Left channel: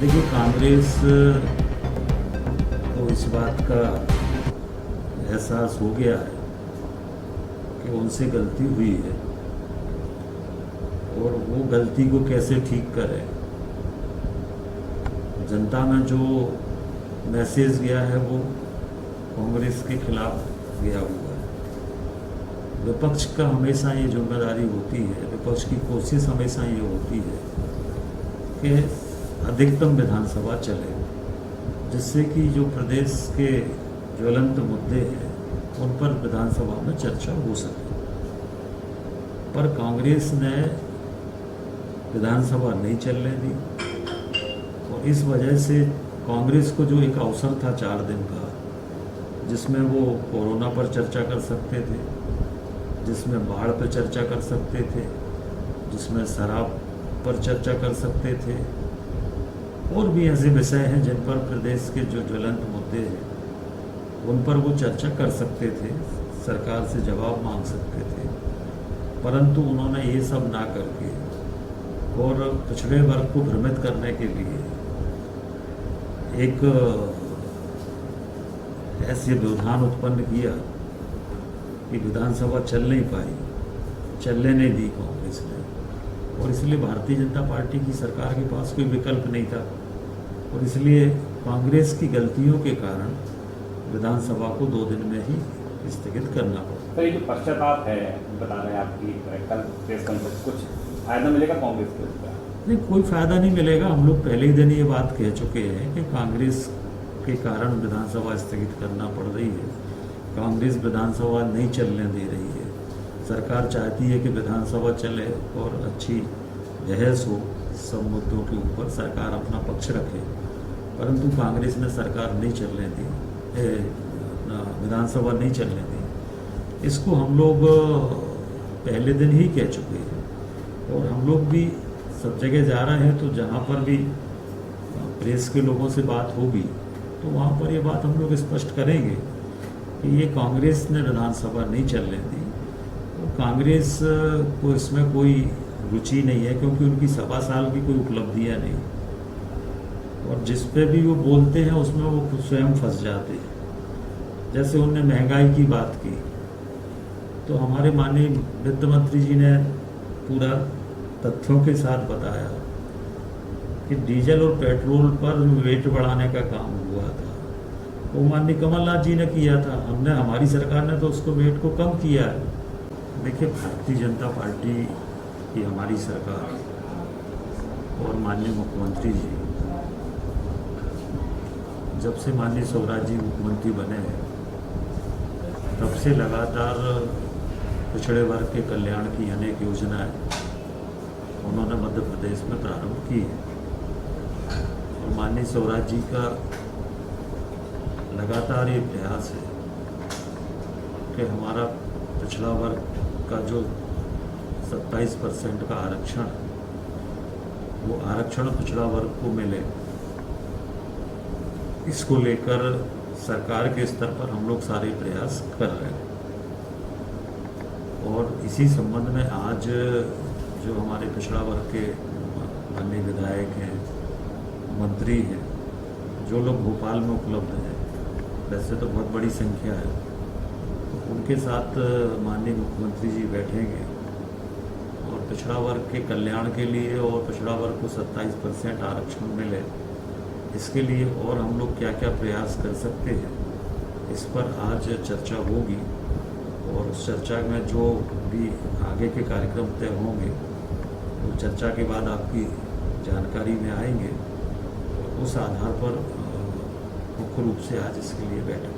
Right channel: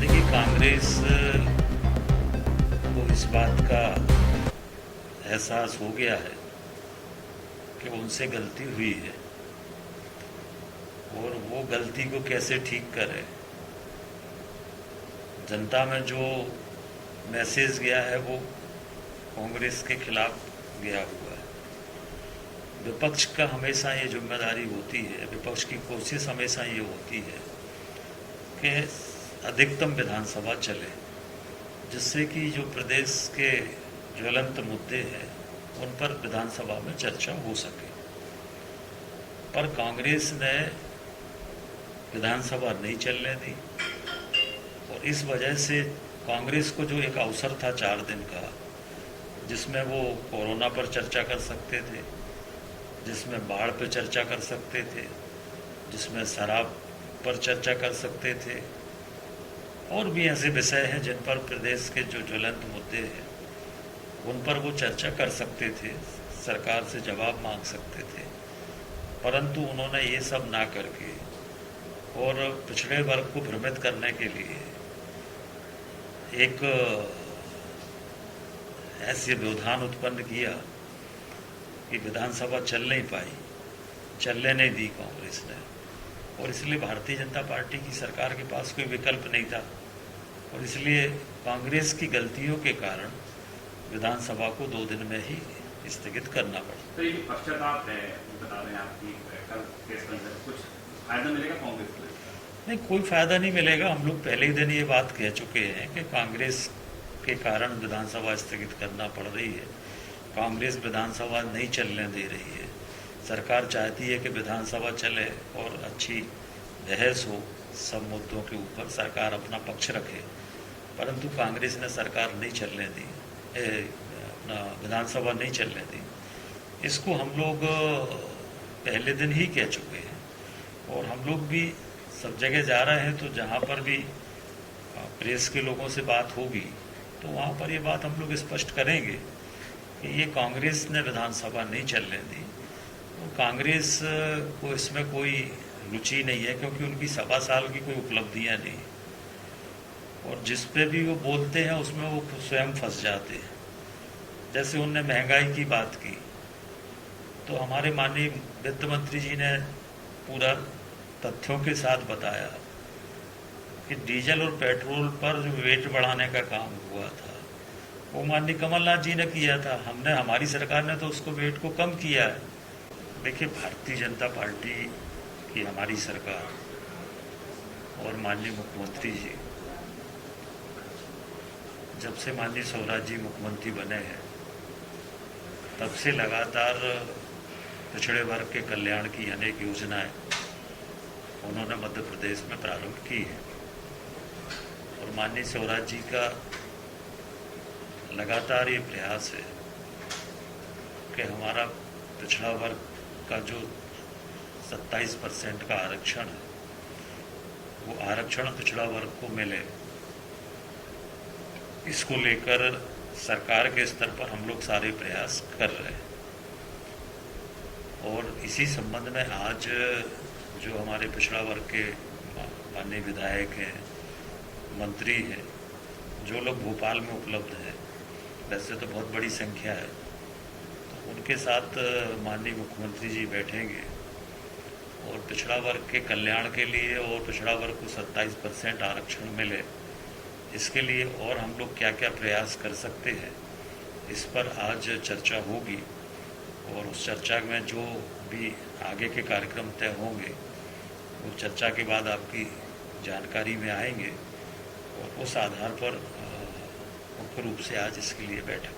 देखिए, कांग्रेस को इस बात का एहसास हो गया है कि उनसे गलती हुई है और वो गलती को कैसे ठीक करें। जनता में जो मैसेज गया है वो कांग्रेस के खिलाफ गया हुआ है। विपक्ष का हमेशा ये जिम्मेदारी होती है, विपक्ष की कोशिश हमेशा ये होती है कि अधिकतम विधानसभा चले, जिससे कि जो प्रदेश के ज्वलंत मुद्दे हैं उन पर विधानसभा में चर्चा हो सके। पर कांग्रेस ने विधानसभा नहीं चलने दी और इस वजह से कांग्रेस को जो एक अवसर था 4 दिन का, जिसमें वो कोरोना पर चर्चा कर सकते थे, जिसमें बाढ़ पर चर्चा कर सकते थे, जिसमें शराब पर चर्चा कर सकते थे, और भी ऐसे विषय हैं जिन पर प्रदेश के जो ज्वलंत मुद्दे हैं उन पर वो चर्चा कर सकते थे, सरकार से जवाब मांग सकते थे। परंतु उन्होंने ये सब ना करके और पिछड़े वर्ग को भ्रमित करने के लिए एक ऐसे व्यवधान उत्पन्न किया कि विधानसभा चल नहीं पाई, चलने नहीं दी कांग्रेस ने, और इसलिए भारतीय जनता पार्टी की सरकार के पास कोई विकल्प नहीं था और इसलिए कांग्रेस की गलतियों के कारण विधानसभा को 2 दिन में ही स्थगित करना पड़ा। तो ये जो पश्चाताप है, बता रहे हैं आपकी प्रेस कॉन्फ्रेंस, कुछ फायदा मिलेगा कांग्रेस को? नहीं, कोई फायदा नहीं मिलेगा। हम लोग पहले ही दिन ये बात कह चुके हैं कि कांग्रेस के कारण विधानसभा स्थगित करना पड़ रही है। कांग्रेस विधानसभा नहीं चलने दे रही है। सरकार चाहती है कि विधानसभा चले और अच्छी बहस हो, सब मुद्दों के ऊपर सरकार अपना पक्ष रखे, परंतु कांग्रेस ने सरकार नहीं चलने दी, विधानसभा नहीं चलने दी। इसको हम लोग पहले दिन ही कह चुके हैं और हम लोग भी सब जगह जा रहे हैं, तो जहाँ पर भी प्रेस के लोगों से बात होगी तो वहाँ पर ये बात हम लोग स्पष्ट करेंगे कि ये कांग्रेस ने विधानसभा नहीं चलने दी। तो कांग्रेस को इसमें कोई रुचि नहीं है, क्योंकि उनकी 1.25 साल की कोई उपलब्धियाँ नहीं, और जिस पे भी वो बोलते हैं उसमें वो खुद स्वयं फंस जाते हैं। जैसे उनने महंगाई की बात की तो हमारे माननीय वित्त मंत्री जी ने पूरा तथ्यों के साथ बताया कि डीजल और पेट्रोल पर जो वेट बढ़ाने का काम हुआ था वो माननीय कमलनाथ जी ने किया था। हमारी सरकार ने तो उसको वेट को कम किया है। देखिए, भारतीय जनता पार्टी की हमारी सरकार और माननीय मुख्यमंत्री जी, जब से माननीय स्वराज जी मुख्यमंत्री बने हैं तब से लगातार पिछड़े वर्ग के कल्याण की अनेक योजनाएं उन्होंने मध्य प्रदेश में प्रारंभ की है और माननीय स्वराज जी का लगातार ये प्रयास है कि हमारा पिछड़ा वर्ग का जो 27% का आरक्षण है वो आरक्षण पिछड़ा वर्ग को मिले। इसको लेकर सरकार के स्तर पर हम लोग सारे प्रयास कर रहे हैं और इसी संबंध में आज जो हमारे पिछड़ा वर्ग के माननीय विधायक हैं, मंत्री हैं, जो लोग भोपाल में उपलब्ध हैं, वैसे तो बहुत बड़ी संख्या है, तो उनके साथ माननीय मुख्यमंत्री जी बैठेंगे और पिछड़ा वर्ग के कल्याण के लिए और पिछड़ा वर्ग को 27% आरक्षण मिले, इसके लिए और हम लोग क्या क्या प्रयास कर सकते हैं, इस पर आज चर्चा होगी और उस चर्चा में जो भी आगे के कार्यक्रम तय होंगे वो चर्चा के बाद आपकी जानकारी में आएंगे और उस आधार पर मुख्य रूप से आज इसके लिए बैठक